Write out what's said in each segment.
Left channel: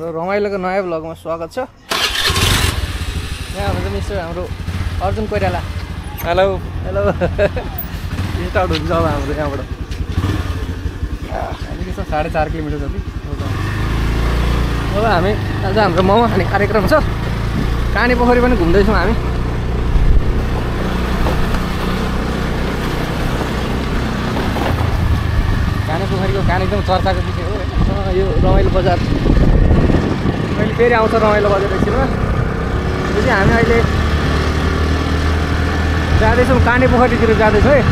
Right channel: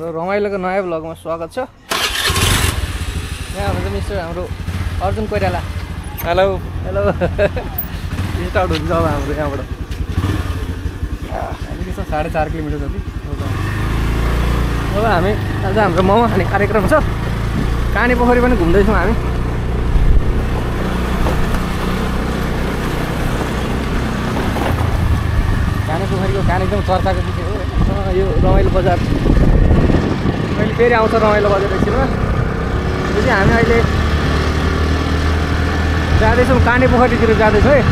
हाम्रो रमाइलोको नयाँ भ्लगमा स्वागत छ। यहाँ हुनुहुन्छ मिस्टर हाम्रो Arjun Koirala. Hello hello start हुन्छ अब हाम्रो यहाँबाट अलिकति छ 4.5 किलोमिटर जति। अब हामी आज हाम्रो मोमो खाने कार्यक्रम छ। काने पोखरी पनि घुम्दैछौँ हामी। काने पोखरीको कान एकदम चर्चाको विषय हो होइन। यो रमाइलो बजार अहिले फेरि आउँछ रमाइलो बजार एकछिनमा। यो चाहिँ हामी अहिले जाँदैछौँ काने पोखरीतिर जाँदैछौँ है।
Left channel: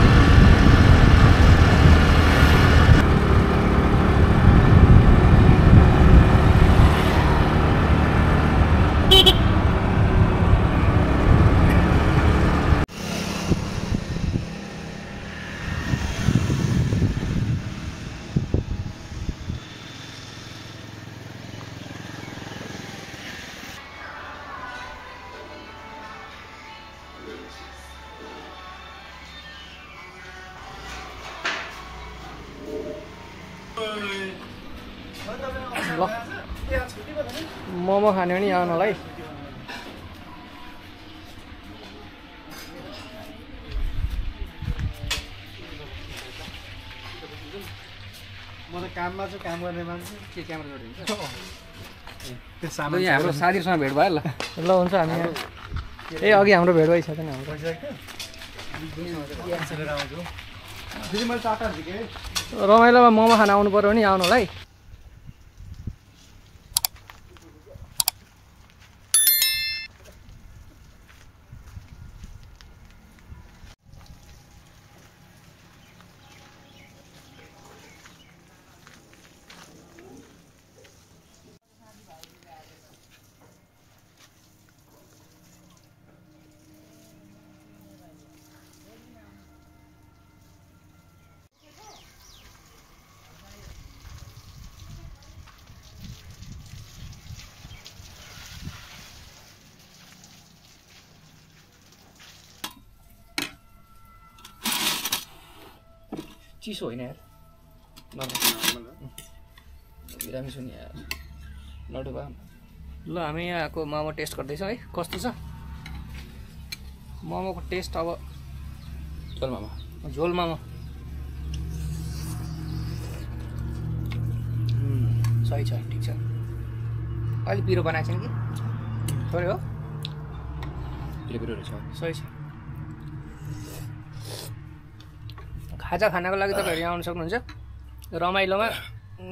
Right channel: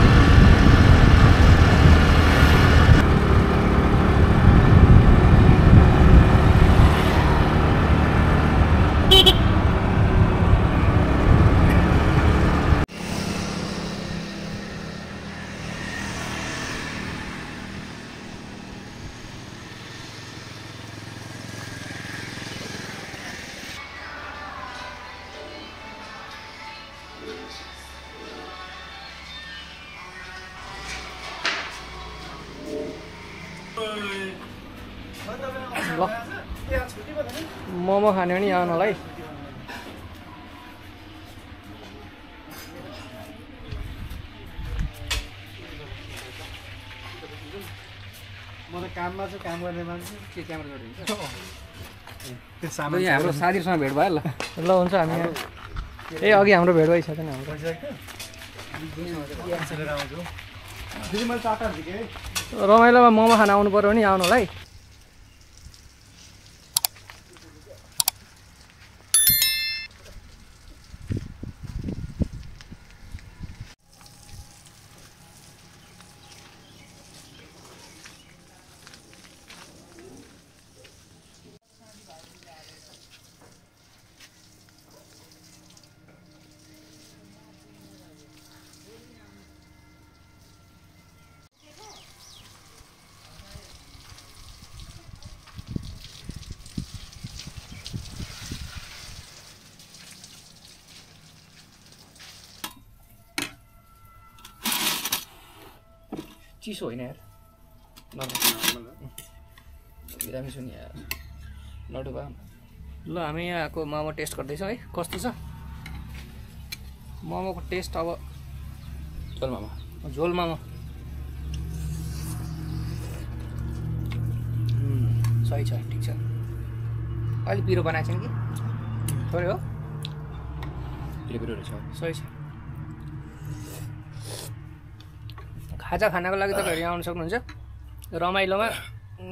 ल मोमो खाने पनि आउनलाई। म त काममा छु, काम गर्ने मान्छे के क्यामेरा जोडिन्छ यहाँ हाम्रो साथीहरूसँग भेट भयो। ल हुन्छ हामी यहाँ अघि हाम्रो भेट भइसक्यो नि हाम्रो। रमाइलोमा मोमो खान आउनु पर्यो भने आउनुलाई। चिसो होइन यार, बिरामी छु नि यार, लडुबा। ल हामी यहाँको मोमो टेस्ट गर्दैछौँ है, कस्तो छ मोमोको टेस्ट। अब झोल मोमो, झोल मोमो सही छ, ठिक छ। अलि पिरो बनाएको छैन कि थोरै हो, पिरो रहेछ, सही छ। खाजा खानको लागि तपाईँहरू यहाँ आउनु सक्नुहुन्छ। रमाइलोमा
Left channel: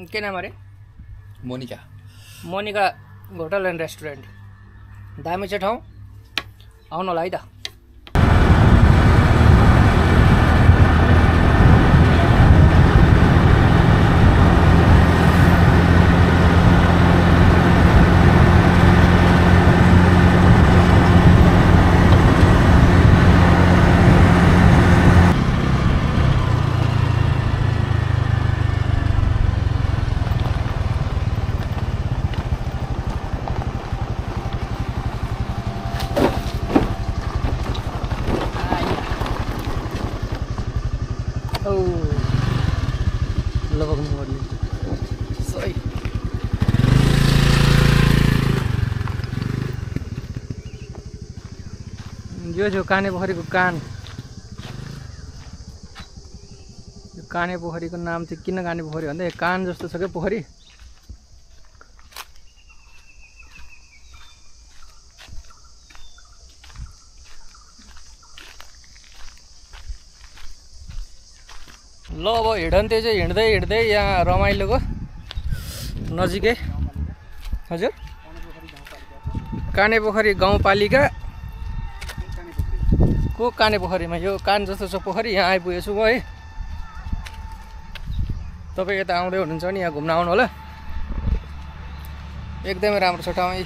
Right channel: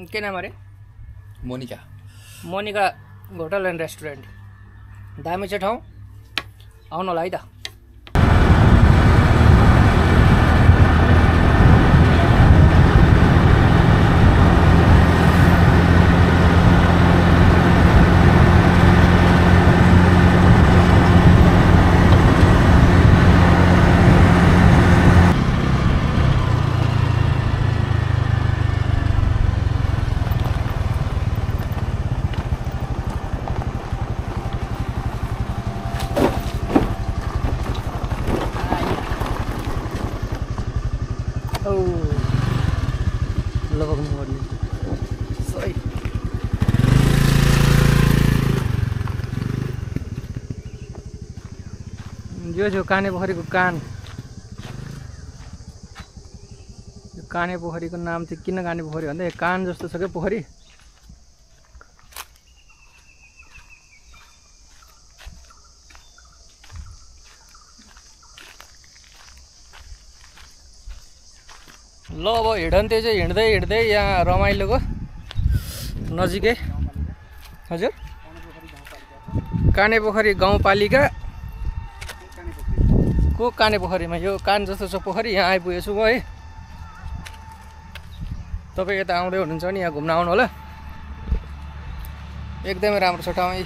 के नाम अरे? Monika hotel and restaurant. दामी छ ठाउँ, आउनु होला है त। यो जो काने पोखरीको कान, यो काने पोखरीको नाम चाहिँ किन काने पोखरी भन्दा कान जस्तो छ क्या पोखरी। ल अब हिँडन्ते चाहिँ हिँड्दै हिँड्दै यहाँ रमाइलोको नजिकै, हजुर काने पोखरी गाउँपालिका को काने पोखरीमा यो कान जस्तो छ पोखरी, यहाँ आइपुगेछु म है। तपाईँ यता आउँदै हुनुहुन्छ भने यहाँ घुम्न आउनु होला, एकदमै राम्रो छ ठाउँ।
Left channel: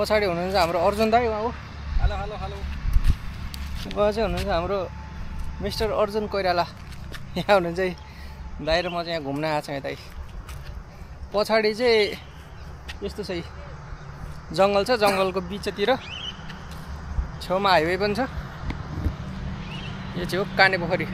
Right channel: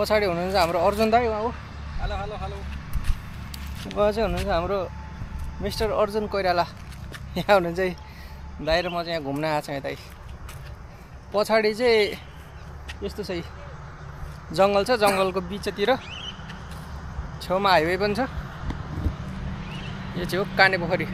पछाडि हुनुहुन्छ हाम्रो अर्जुन दाई, उहाँ हो। Hello hello hello. उहाँ चाहिँ हुनुहुन्छ हाम्रो मिस्टर अर्जुन कोइराला। यहाँ हुनुहुन्छ है दाइ र म चाहिँ यहाँ घुम्न आएको छु यतै। पछाडि चाहिँ यस्तो छ, जङ्गल छ, जङ्गलको बिचतिर छेउमा हाइवे पनि छ। यो चाहिँ हो काने पोखरी।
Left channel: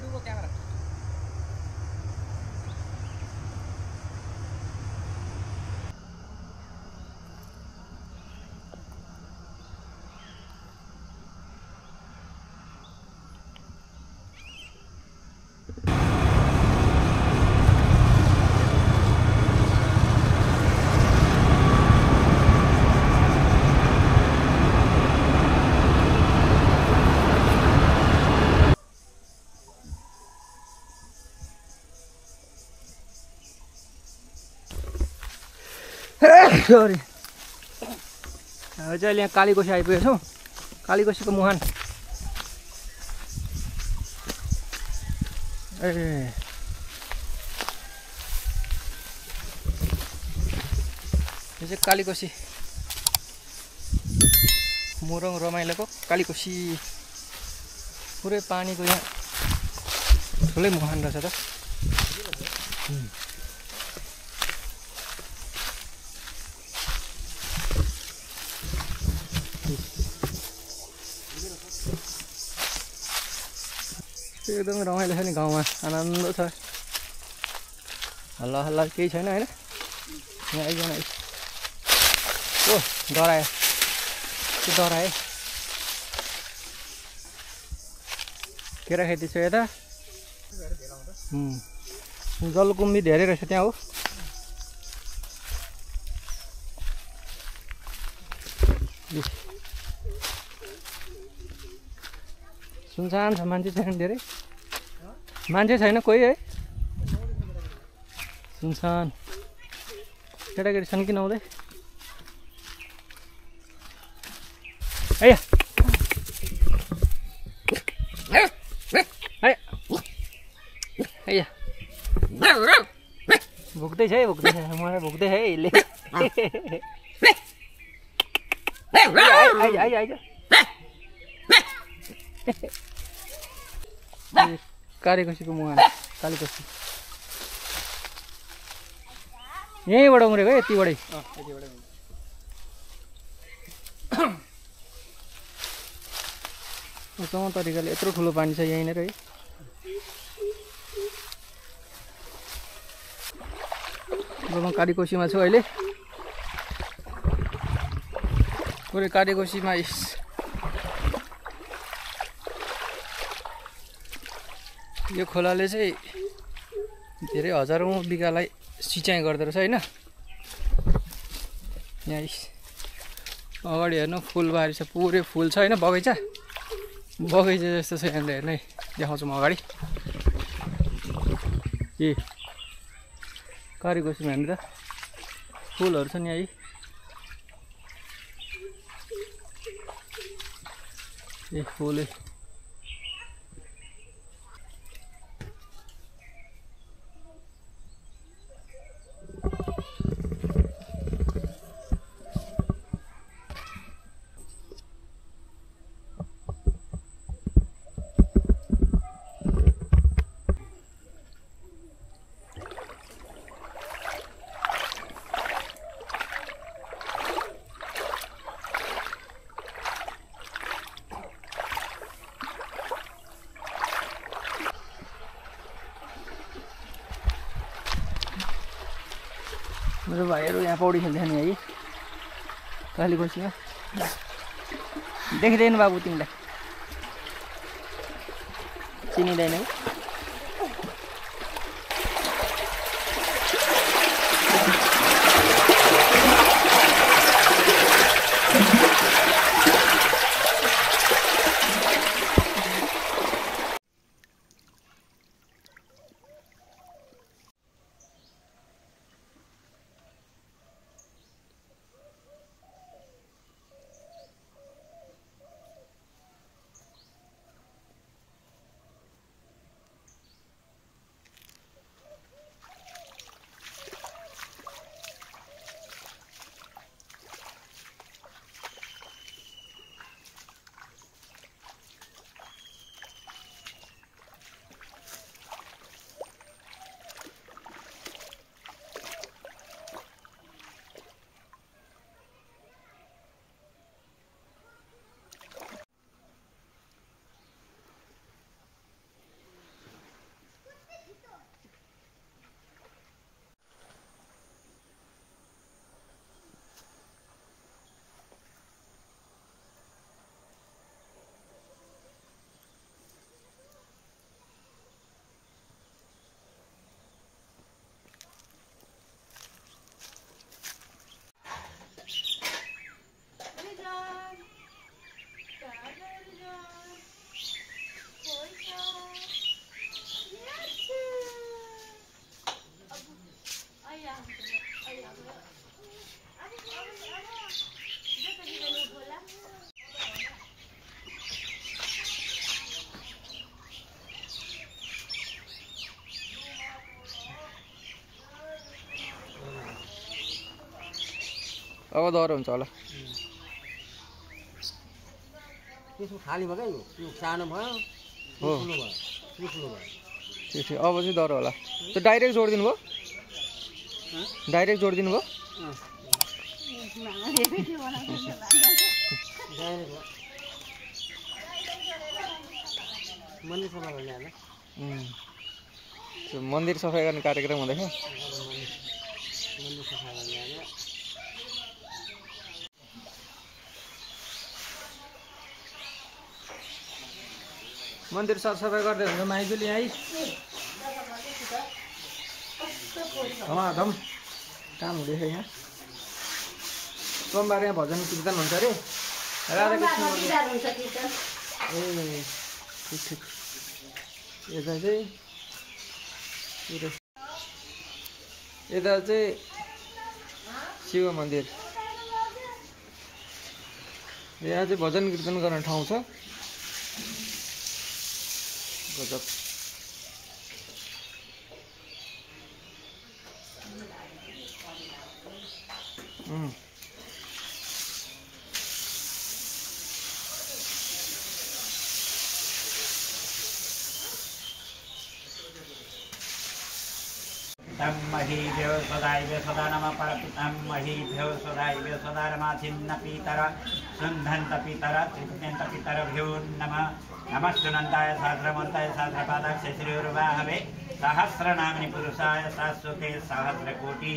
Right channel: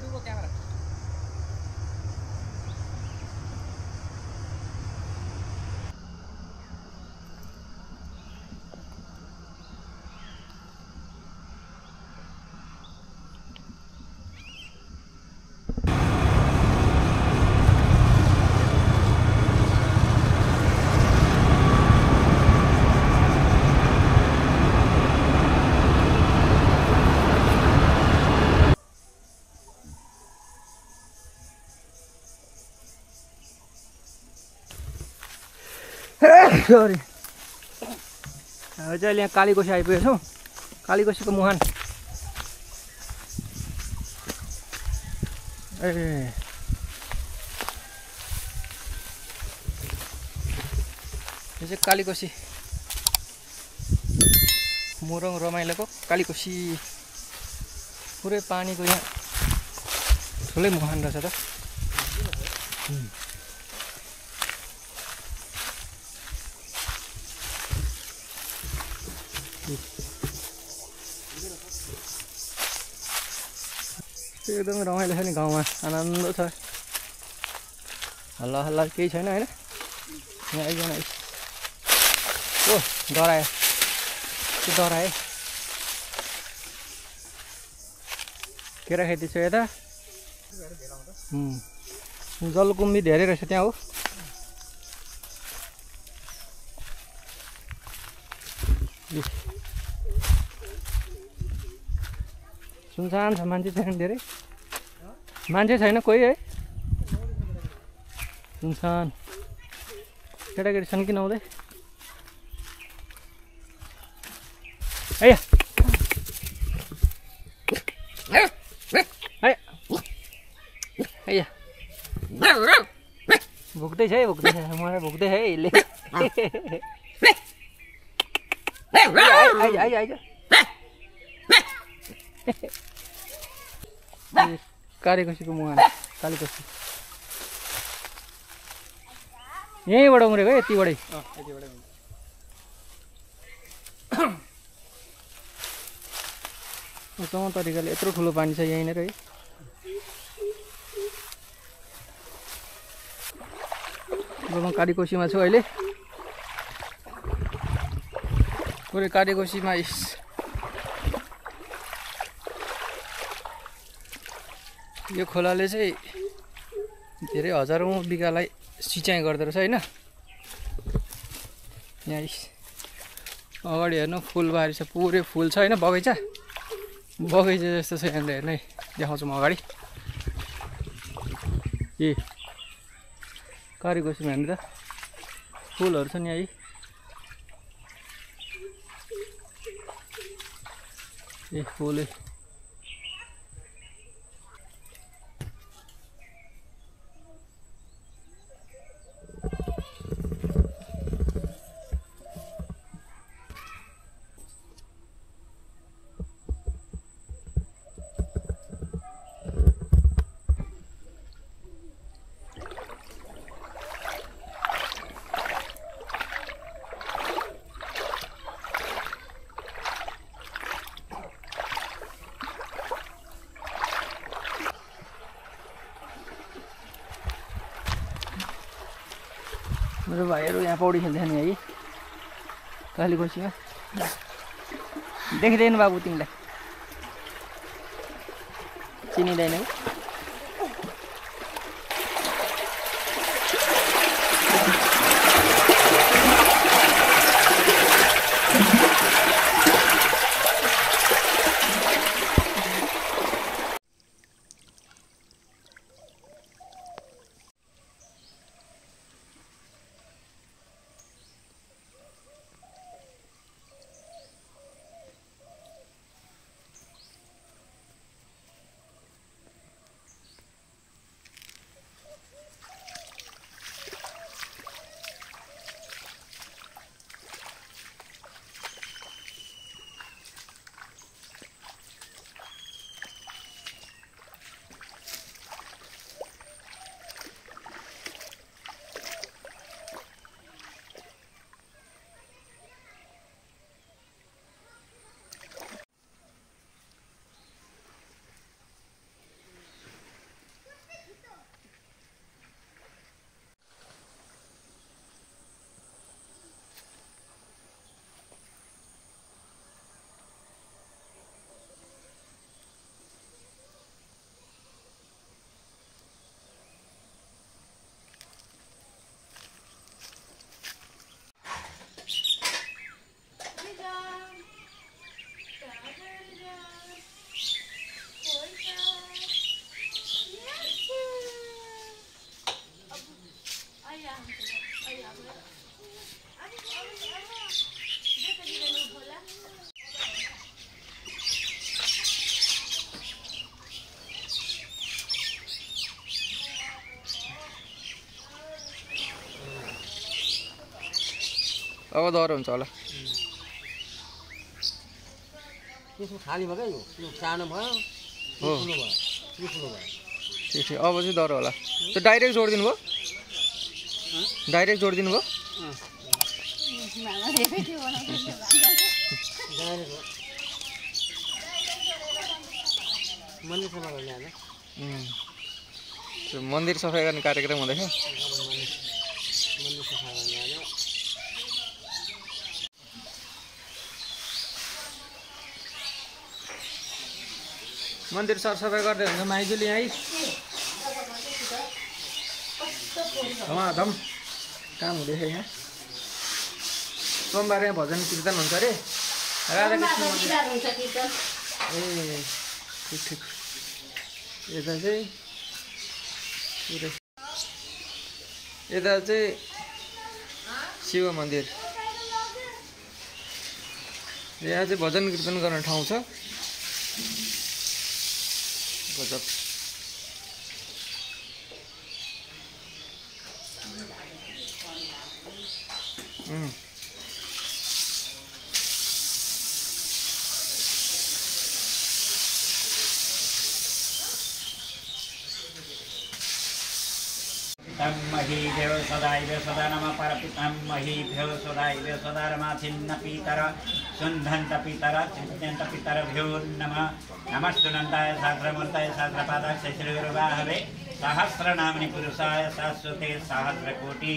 डुबो क्यामेरा सरी अब चाहिँ अहिले यहाँ कालीकोसी आइपुगेको छौँ कालीकोसीको मुहान ए यो चाहिँ कालीकोसी मोरङ रमाइलोको कालीकोसी पुरै पानीको यहाँ ठुलै मुहान रहेछ त एकदमै रमाइलो छ नि गाउँमा आनन्द छ हल्ला हल्ला केही छैन होइन यहाँ आइकन ओ डरायो के डरायो केराखेती छ यता जलकुम्बी धेरै रहेछ त्यहाँ हो सुनसान छ मान्छे छैन धेरै मान्छे छैन कोही है सुनसान केटाकेटी छन् कि नहुँदै भुक्दैछ है मलाई भुक्दै है यसले आइज कालीकोसीको मुहान कालीकोसी यहीँबाट उम्रेको है यतिबाटै उत्तम तरिकाले यत्रो ठुलो पानी छ यहीँनिर है अब म कालीकोसीमा छु अहिले पुरै कालीकोसीमा यो खोलाले चाहिँ धेरै हजारौँ बिगालाई सिँचाइ गर्दो रहेछ होइन यहाँ अगाडि हेर्नु फुलबारी छ पुरै फुल छ होइन बगैँचा जस्तो छ यहाँनिर हेर्नु है देखाउँछु म अगाडि ए कालीकोसीमा हेर्नु त फुलहरू छ नि है ए फुलै मेरो भाइहरू यहाँ पौडी खेल्दै नि है कालीकोसीमा देखिँदैन बाबु तिमीलाई चिनिँदैन है अब डर हुन्छ होला। त्यसको खाली भयो क्या यो सानो भयो हो ठुलो भयो ठुलो भयो। ठिक ठिक अब चाहिँ डर होला। त्यो डाइरेक्ट जोडिदिनु भयो डाइरेक्ट जोडिदिनु भयो मन्दिर सफा गर्ने आज त्यो मन्दिर सफाइ गर्ने कार्यक्रम हुँदैछ। मन्दिर सफा गर्ने आज मन्दिर सरसफाइ गर्दै हुन्छ माइजूले यहीँ धमाधम काम हुँदैछ यहाँ। सोमबार यहाँ भजन कीर्तन हुन्छ अरे राधाकृष्ण मन्दिर। ए ठिक ठिक यता चाहिँ पुरै यता चाहिँ शिव मन्दिर। यहाँ चाहिँ भजन कीर्तन गर्ने ठाउँ छ। गजब महीभ्यो सदाइभ्यो सदा नमः परपितां महीभ्यो सदाइभ्यो सदा रमा छिन्न पितर सुन्धन्त पितर तृप्यन्त पितरभ्यो नमः नमस्तुनन्ताय सहस्रमूर्तये सहस्रपादाय श्रीरुवाहवे सहस्रनाम्नि पुरुषाय शाश्वते सहस्रकोटि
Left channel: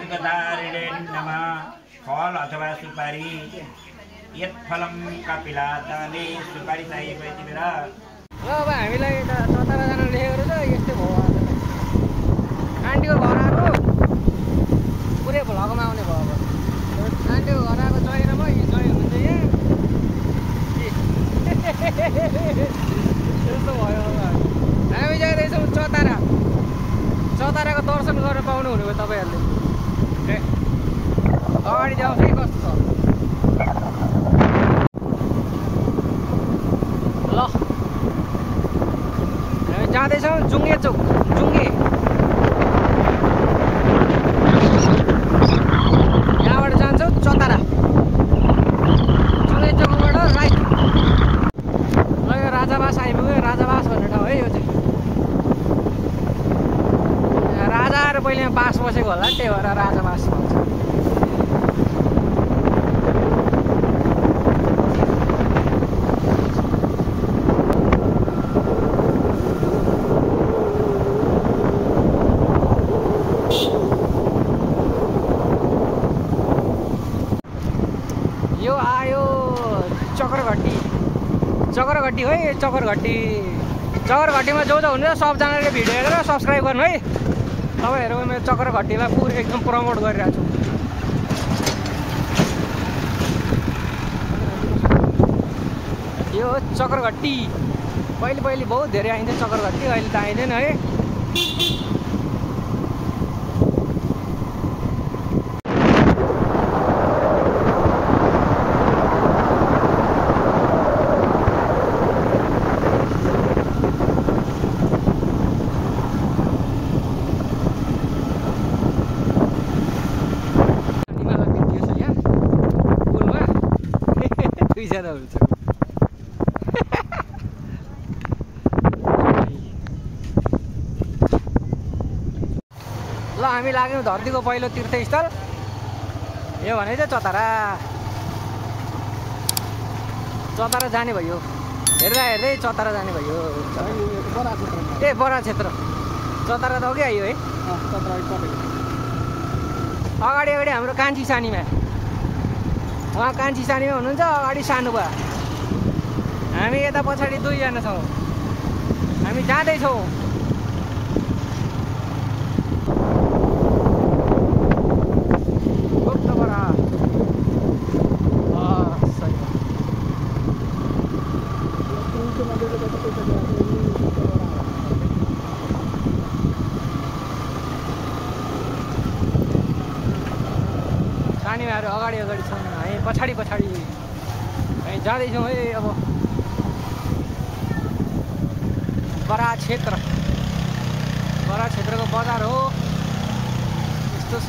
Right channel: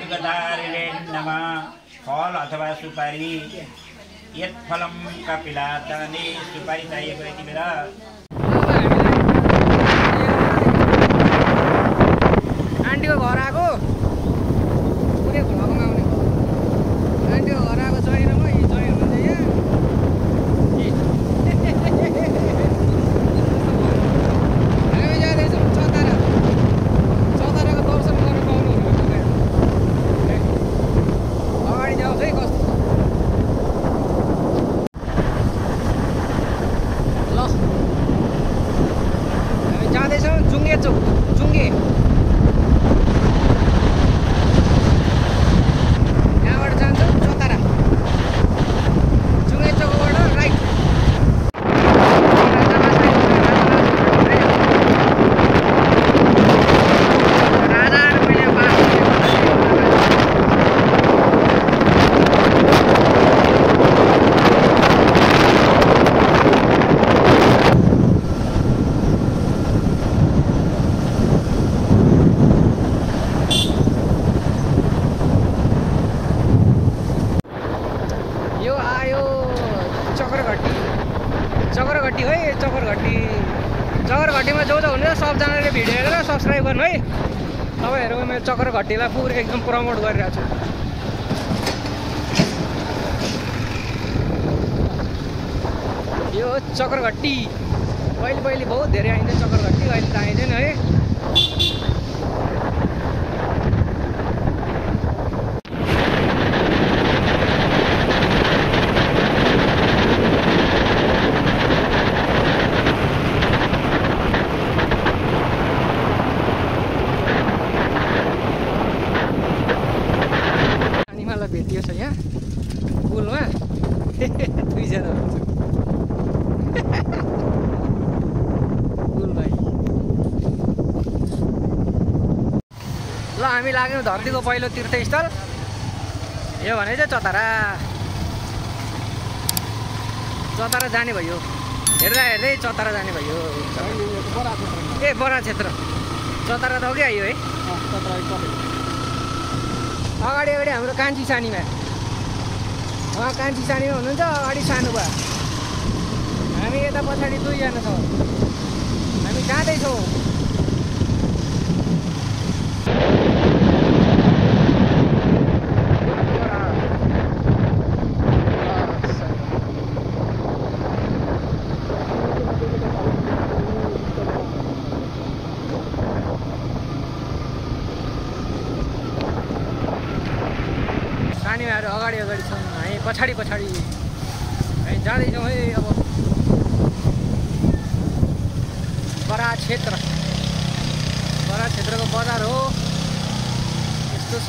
युगधारिणे नमः। फल अथवा सुपारी यत्फलं कपिलादाने सुपारी चाहिएको यति बेला आन्टीको घर आएको पुरै भ्लगमा आउने भयो। आन्टीको घर आएको जय र म यी जय हुनुहुन्छ यहाँ जस्तो भयो। हामी जाँदैछौँ चतारा। चताराको दर्शन गर्न पाउनुहुने हो तपाईँहरूले। अगाडि जाओस् है कस्तो छ ल। हामी जाँदैछौँ जुङ्गे चोक जुङ्गे। चतारा जुङ्गे चोकबाट राइट राजाबास आइपुग्यो। राजाहरू पहिले बास बस्ने भन्दा के होला राजा। यो आयो चक्रघट्टी है। चक्रघट्टीमा जो जो हुनुहुन्छ सबजनाले भिडियो हेरेर सब्सक्राइब गर्नु है। तपाईँहरू मेरो चक्रघट्टीलाई पुरै एकदम प्रमोट गरिरहेको छु। यो चक्रघट्टी पहिले बहुत धेरै आइन्थ्यो चक्रघट्टी, अहिले त आइँदैन है। दुईजना हुन्छ ल। हामी लाग्यौँ धरतीको पहिलो तीर्थस्थल यो भने चाहिँ चतारा जाने भयो। हेर्दै चतारा जाने भयो। ए बरा क्षेत्र चतारा त अघि आयो है। अगाडि हाम्रो कान्छी सानीमा कान्छी सानीमा हुनुहुन्छ। अगाडि सानो भयो। हामी यता पछाडि दुईजना छौँ। हामी जाँदैछौँ। सानीमाहरू अगाडि छौँ। हामी पछाडि हामी जाँदैछौँ है। अब बरा क्षेत्रको बजार हो यस्तो छ।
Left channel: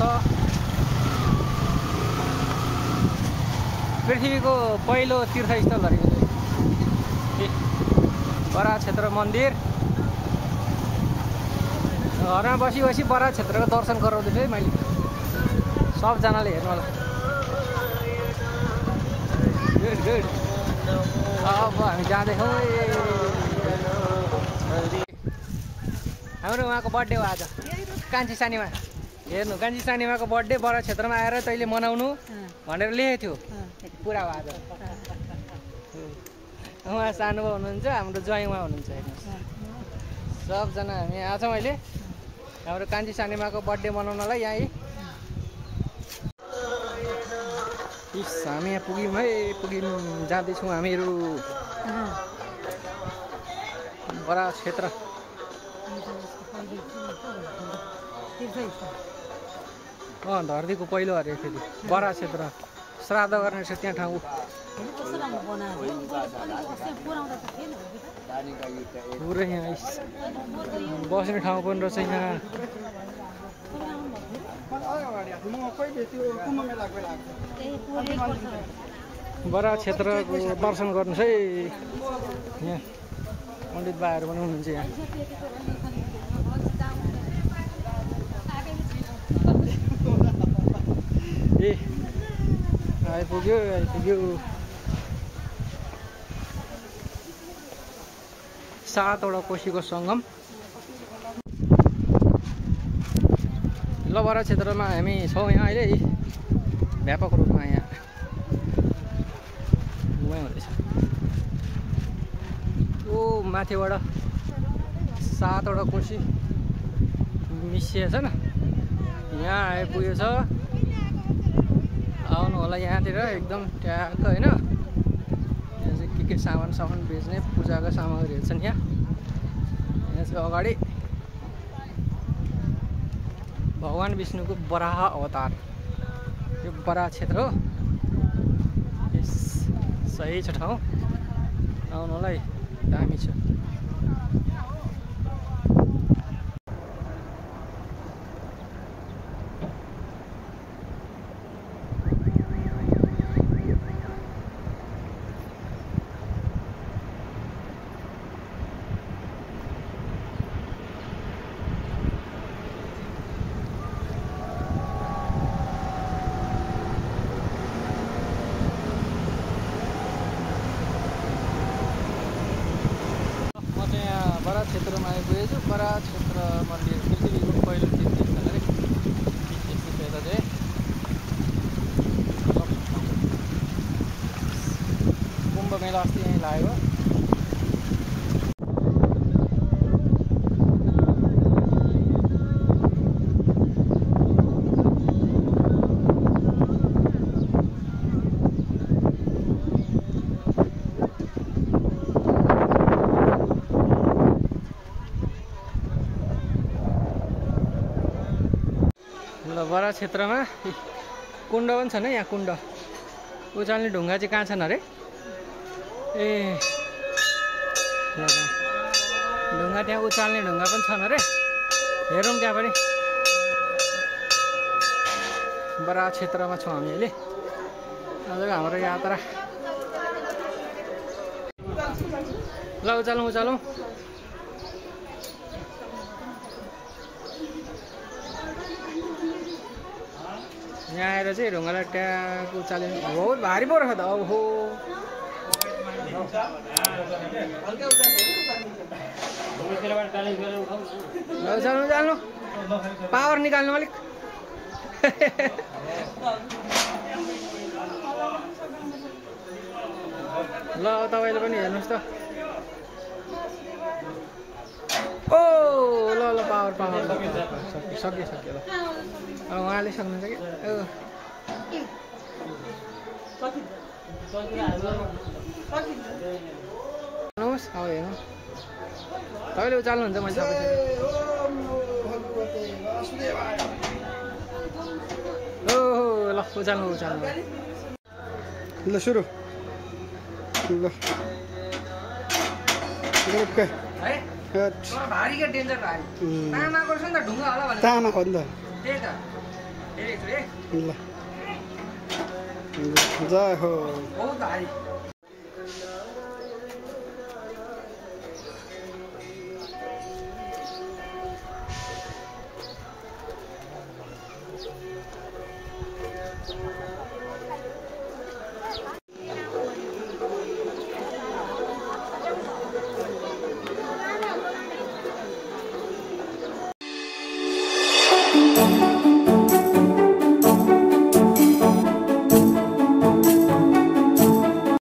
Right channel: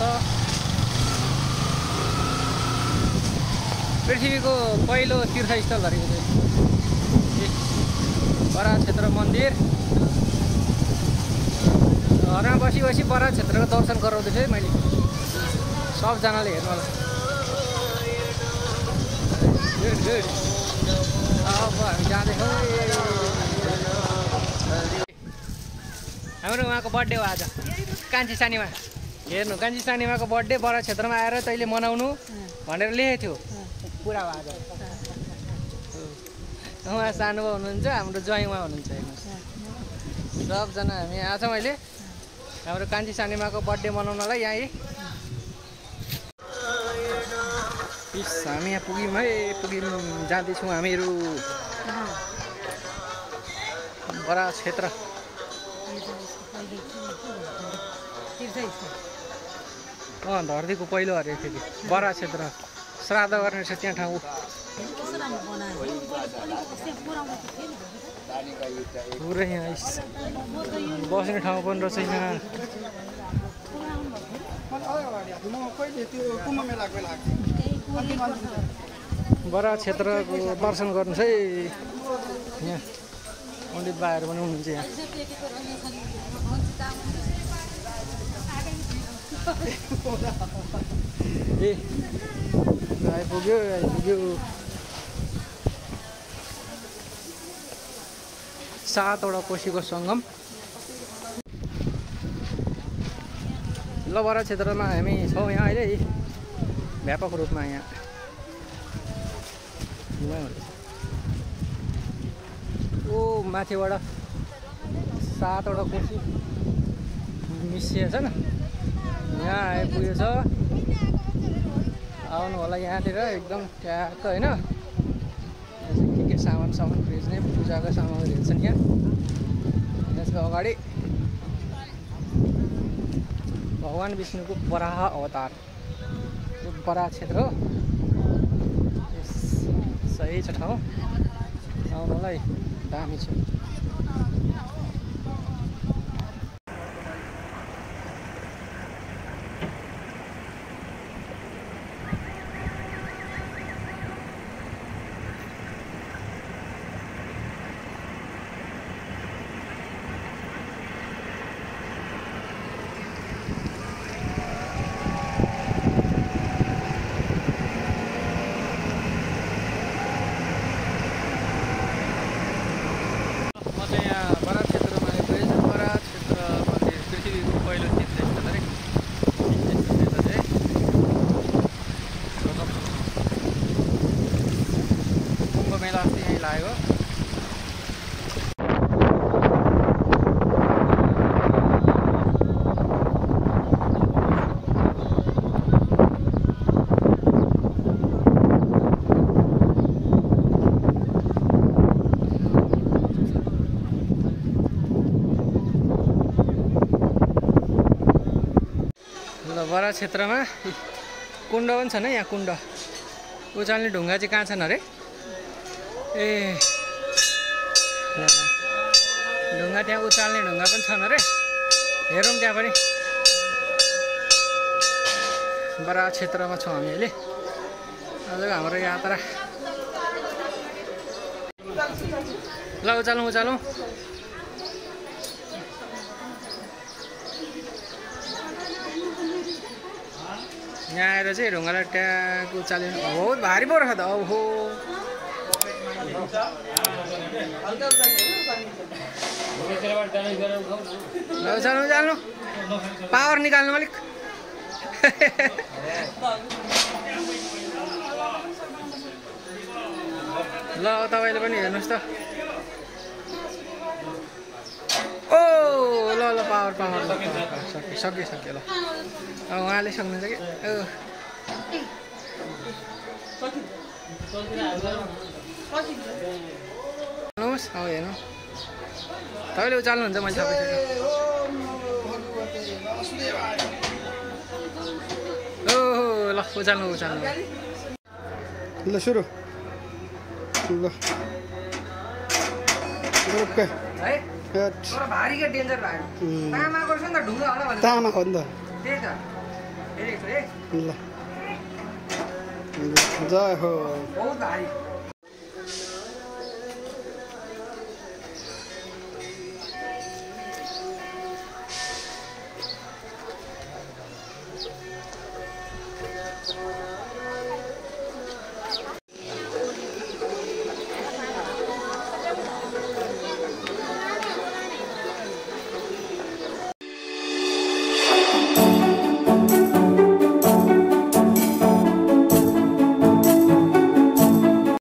पृथ्वीको पहिलो तीर्थस्थलहरू यो चाहिँ बराह क्षेत्र मन्दिर। घरमा बसी बसी बराह क्षेत्रको दर्शन गराउँदैछु है मैले, सबजनाले हेर्नु होला। Good good. अब हामी जाँदैछौँ। हाम्रो उहाँको बर्थडे हो आज, कान्छी सानीमा। हेर्नु, कान्छी सानीमाको बर्थडे बराह क्षेत्रमा आएर तैँले मनाउनु भनेर लेखेको थियो, पुरा भयो आज। उहाँ सानो हुनुहुन्छ, हाम्रो ज्वाइँ उहाँ हुनुहुन्छ। हेर्नुहोस्, सबजना हामी आएको छौँ अहिले हाम्रो कान्छी सानीमाको बर्थडे मनाउनलाई। यहाँ हामी यहाँ पुग्यौँ है, जाँदैछौँ हामीहरू बराह क्षेत्र। धरतीको पहिलो अरे फेरि बराह क्षेत्र। श्राद्ध गर्ने छ त्यहाँ ठाउँ। पुरै यहाँ बस्ने ठाउँ पनि रहेछ यहाँ। बराह क्षेत्रको दर्शन गर्नुहोस् है। यहाँ पण्डित बाहरू पनि हुनुहुन्छ यहाँ। ए आइपुग्यो आइपुग्यो। 7वटा कोशीको सङ्गम। ल बराह क्षेत्रमा हामी छौँ यहाँ अहिले व्यापक रूपमा। यहाँ घुमाइ हुँदैछ। ओ माथिबाट 7वटा कोशी मिसिएछ न, यहाँ आइपुगेछ। आउनु होला यहाँतिर एकदम ट्याक्क होइन। यहाँ चाहिँ के सामान बेच्ने पूजाका सामग्रीहरू छन्। यहाँ चाहिँ अगाडि भगवान् विष्णुको बराह अवतार। यो बराह क्षेत्र हो, सही छ ठाउँ आउनुलाई, दामी छ। बराह क्षेत्रमा आइपुगेछ। बराह क्षेत्र मन्दिर पृथ्वीको पहिलो तीर्थस्थल अरे। यता चाहिँ कुम्भ मेला अस्ति यहीँ लाग्यो। बराह क्षेत्रमा कुण्ड पनि छन् है। यहाँ कुण्ड उचाल्ने ढुङ्गा चाहिँ कहाँ छन् अरे? ए ढुङ्गा त्यहाँ उचाल्ने ढुङ्गा पनि छन् अरे। हेरौँ त्यहाँ पनि। बराह क्षेत्रमा छौँ हामी अहिले। आजको हाम्रो यात्रा। ल उचालौँ उचालौँ। यहाँ आएर चाहिँ ढुङ्गालाई ट्याग उचालिनु बहुत भारी पो रहेछ त। अब हो उचाल्नु उचाल्नु, पावर निकाल्नु अलिक। ल तपाईँले पनि हेर्नुहोस् त। ओ ल ल पावर पावर सक्यो ल। अब उहाँले सक्नुहुन्छ कि हेर्नुहोस्। अब हेर्नु तपाईँले उचाल्नुहुन्छ, मैले सबै ओहो ल उचाल्नु ल सुरु ल है। भारी क्या डेन्जर भयो। तामाको छ नि त ढुङ्गा होला भने। तामा हो नि त। त्यही त हेरेको छु है। ल जय हो। बहुत हाई